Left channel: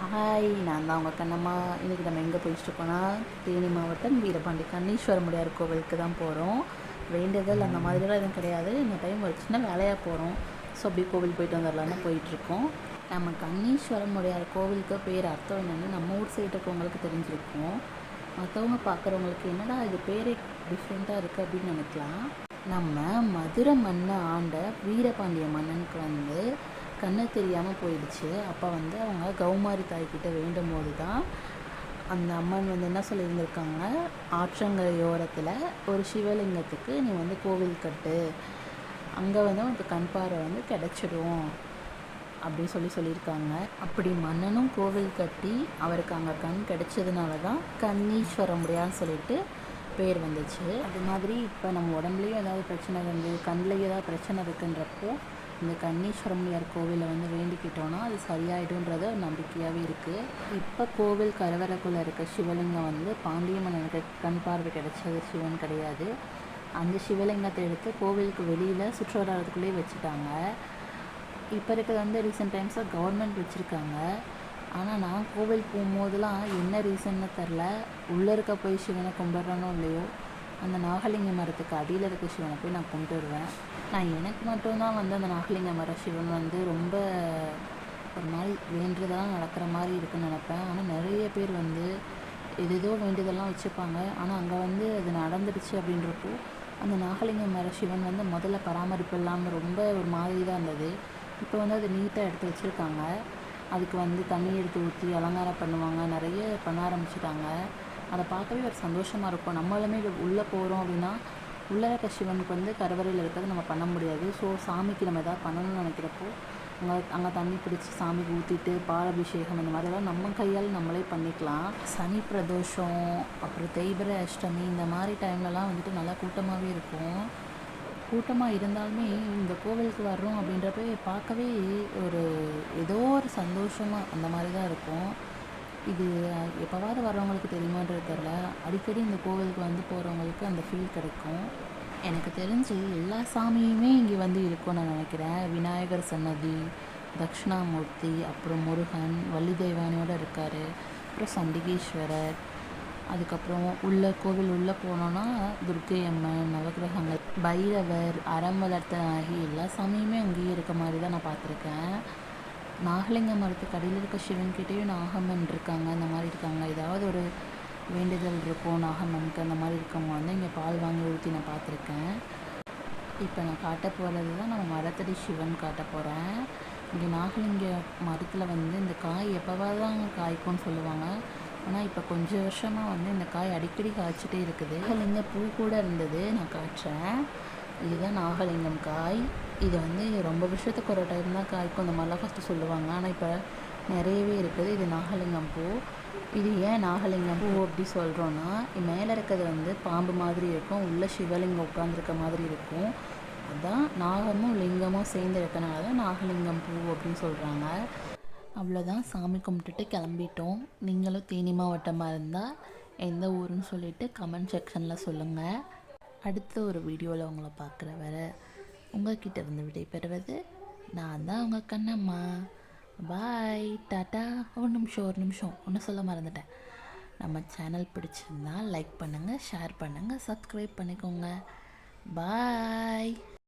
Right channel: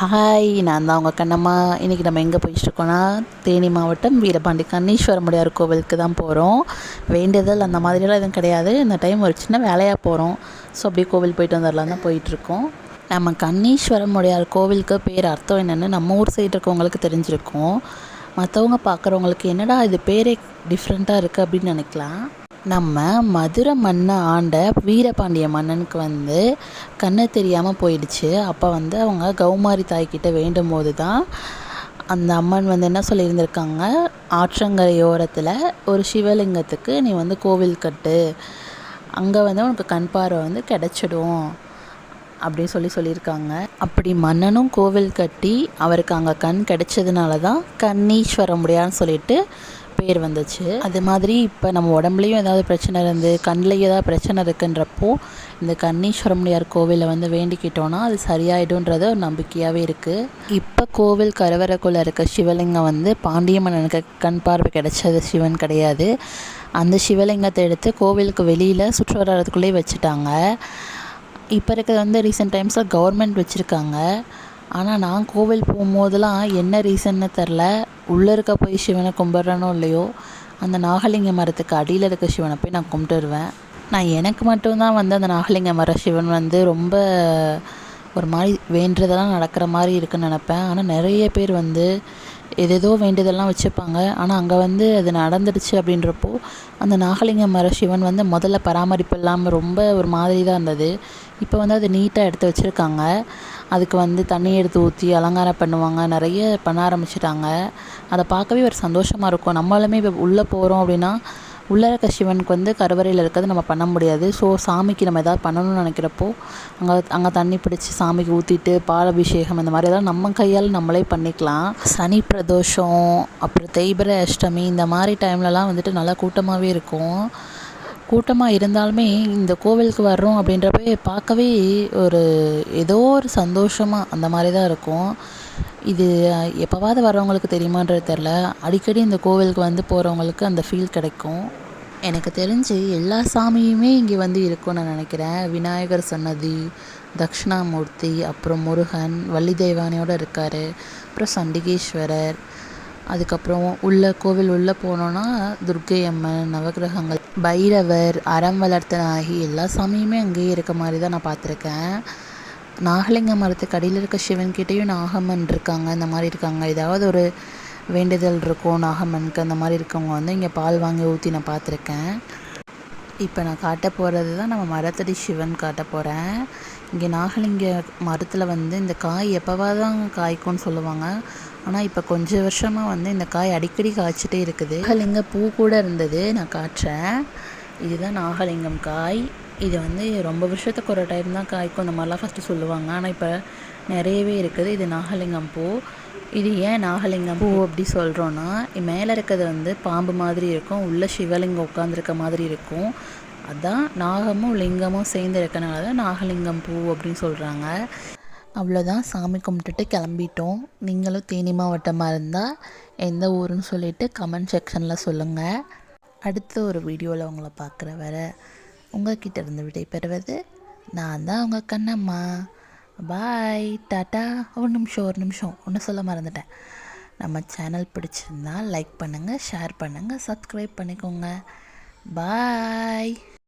Hi, நான் தான் உங்கள் கண்ணம்மா. இன்றைக்கி நம்ம எங்கே போயிட்டுருக்கோன்னா, தேனி மாவட்டம் வீரபாண்டி கண்ணீஸ்வரமுடையார் கோவிலுக்கு தான் போகிறோம். வேண்டியதில் அந்த மாதிரியெல்லாம் எதுவும் கிடையாது. இந்த டைம் ஒரு சின்ன வேலையாக போகிறோம். ஸோ அப்படியே கோவில் போயிட்டு வந்துடலாம் தான் போயிட்டுருக்கோம். நம்ம கண்ணீஸ்வரமுடையார் கோவிலுக்கு பேர் அர்த்தம் என்னென்னு நம்ம ஊர் சைடு இருக்கவங்களுக்கு தெரிஞ்சிருக்கும். மற்றவங்க பார்க்குறவங்களுக்கு என்னடா இது பேரே டிஃப்ரெண்ட்டாக இருக்குது அப்படின்னு நினைக்கலாம். நம்ம மதுரை மண்ணை ஆண்ட வீரபாண்டிய மன்னனுக்கு கண்ணு தெரியாமல் போயிடுச்சு. அப்போ அவங்க கௌமாரி தாய்கிட்ட வேண்டும் போது தான் அந்த அம்மன் என்ன சொல்லியிருந்திருக்காங்க, ஆற்றங்கரையோரத்தில் ஒரு சிவலிங்கத்துக்கு நீ கோவில் கட்டு, அங்கே உனக்கு கண் பார்வை கிடச்சிடும் அப்படின்னு சொல்லியிருக்காங்க. அப்படி மன்னனும் கோவில் கட்டி அவருக்கு அங்கே கண் கிடைச்சதுனால தான் கண்ணீஸ்வரமுடையான்னு சொல்லிட்டு பேர் வந்துச்சு. அது மாதிரி இப்போ நம்ம உடம்புலையும் ஏதாவது பிரச்சனை இருந்து கண்ணில் ஏதாவது பிரச்சனை இருக்குன்றப்போ இந்த கண்ணீஸ்வரமுடையார் கோவிலில் வேண்டிக்கிட்டோன்னா அது சரியாயிடும்ன்றது ஒரு நம்பிக்கையாகவே இருக்குது. இப்போ கோவில் கருவறைக்குள்ளே இருக்க சிவலிங்கம் பாண்டிய மன்னனுக்கு கண் பார்வை கிடைச்சது சிவன் கிடையாது. அந்த சிவலிங்கத்தை எடுத்து கோவிலுக்கு வெளியில் சுற்றுவட்டாரத்துக்குள்ளேயே வச்சுட்டாங்க. இப்போ இருக்கிறது ரீசெண்ட் டைம்ஸில் கவர்மெண்ட் வச்சுருக்காங்க. ஆனால் நான் கோவில் போகும்போதெல்லாம் என்ன ரீசன்னு தெரில, உள்ளே இருக்க போய் சிவனை கும்பிட்றனோ இல்லையோ, அந்த நாகலிங்க மரத்துக்கு அடியில் இருக்க சிவனை போய் நான் கும்பிட்டு வருவேன். நான் எனக்கு மட்டும்தான் அந்த நாகலிங்க மர சிவன் ரொம்ப ஒரு மாதிரி வேண்டுறதெல்லாம் நடக்கிற மாதிரி இருக்குன்னு நினப்பேன். ஆனால் நிறைய பேர் ஏதேதோ வேண்டியதெல்லாம் வச்சுருப்பாங்க. ஆனால் அங்கே அது நடந்துடுச்சு அப்படின்றப்போ அந்த நாகலிங்க மர சிவன் முதல்ல பராமரிப்பு இல்லாமல் ரொம்ப ஒரு மாதிரி தான் இருந்தது. இப்போ அது நீட்டாக எடுத்து வச்சுருக்காங்க. அதுக்கு தண்ணி எடுத்து ஊற்றி அலங்காரம் பண்ணுவாங்க, நிறைய பண்ண ஆரம்பிச்சிட்டாங்க. அதை பார்க்கவே ஒரு சந்தோஷமாக இருக்கும். நம்மளுமே இப்போ உள்ளே போகிறோம் அப்படின்னா உள்ளே இருக்க சிவனுக்கு கருவறையில் இருக்கிறது நம்ம பண்ண முடியாது. ஸோ சாமிக்கு நம்ம எதாவது பண்ணணும்னு நினைக்கிறப்போ அங்கே தண்ணி பிடிச்சி சாமிக்கு ஊற்றிட்டு பாலாபிஷேகம் இந்த மாதிரி எதாவது நம்ம கையால் நம்மளே பண்ணிக்கலாம். சனி பிரதோஷம், அப்புறம் தேய்பிறை அஷ்டமி இந்த மாதிரி டைம்லலாம் நல்லா கூட்டமாகவே இருக்கும். கூட்டமாக இருந்தாலுமே இந்த கோவிலுக்கு வர்றோம் அப்படின்றப்ப பார்க்கவே ஒரு ஏதோ ஒரு சந்தோஷமாக அந்த மாதிரி தான் இருக்கும். இது எப்போவாவது வர்றவங்களுக்கு தெரியுமான்றது தெரில. அடிக்கடி இந்த கோவிலுக்கு போகிறவங்களுக்கு அந்த ஃபீல் கிடைக்கும். எனக்கு தெரிஞ்சு எல்லா சாமியுமே இங்கே இருக்கும்னு நான் நினைக்கிறேன். விநாயகர் சன்னதி, தட்சிணாமூர்த்தி, அப்புறம் முருகன், வள்ளி தெய்வானையோடு இருக்கார், அப்புறம் சண்டிகேஸ்வரர், அதுக்கப்புறம் கோவில் உள்ளே போனோன்னா துர்க்கை அம்மன், நவகிரகங்கள், பைரவர், அறம் வளர்த்த நாயகி எல்லா சாமியுமே அங்கேயே இருக்க மாதிரி தான் நான் பார்த்துருக்கேன். நாகலிங்க மரத்துக்கு அடியில் இருக்க சிவன்கிட்டையும் நாகம்மன் இருக்காங்க, இந்த மாதிரி இருக்காங்க. ஏதாவது ஒரு வேண்டுதல் இருக்கும் நாகம்மனுக்கு, அந்த மாதிரி இருக்கவங்க இங்கே பால் வாங்கி ஊற்றி நான் பார்த்துருக்கேன். இப்போ நான் காட்ட போகிறது தான் நம்ம மரத்தடி சிவன் காட்ட போகிறேன். இங்கே நாகலிங்க மரத்தில் இந்த காய் எப்போவாது தான் காய்க்கும்னு சொல்லுவாங்க. ஆனால் இப்போ கொஞ்சம் வருஷமாக இந்த காய் அடிக்கடி காய்ச்சிட்டே இருக்குது. நாகலிங்க பூ கூட இருந்தது, நான் காட்டுறேன். இதுதான் நாகலிங்கம் காய். இது ரொம்ப வருஷத்துக்கு ஒரு டைம் தான் காய்க்கும், இந்த மாதிரிலாம் ஃபஸ்ட்டு சொல்லுவாங்க. ஆனால் இப்போ நிறையவே இருக்குது. இது நாகலிங்கம் பூ. இது ஏன் நாகலிங்கம் பூ அப்படி சொல்கிறோன்னா, மேலே இருக்கிறது பாம்பு மாதிரி இருக்கும், உள்ளே சிவலிங்கம் உட்காந்துருக்க மாதிரி இருக்கும். அதுதான் நாகமும் லிங்கமும் சேர்ந்து இருக்கனால தான் நாகலிங்கம் பூ அப்படின்னு சொல்கிறாங்க. அவ்வளோதான், சாமி கும்பிட்டுட்டு கிளம்பிட்டோம். நீங்களும் தேனி மாவட்டமாக இருந்தால் எந்த ஊருன்னு சொல்லிவிட்டு கமெண்ட் செக்ஷனில் சொல்லுங்கள். அடுத்த ஒரு வீடியோவில் உங்களை பார்க்குற வர உங்கள்கிட்ட இருந்து விடைபெறுவது நான் தான் உங்கள் கண்ணம்மா. பாய், டாட்டா. ஒரு நிமிஷம் ஒன்று சொல்ல மறந்துட்டேன். நம்ம சேனல் பிடிச்சிருந்தா லைக் பண்ணுங்கள், ஷேர் பண்ணுங்கள், சப்ஸ்கிரைப் பண்ணிக்கோங்க. பாய்.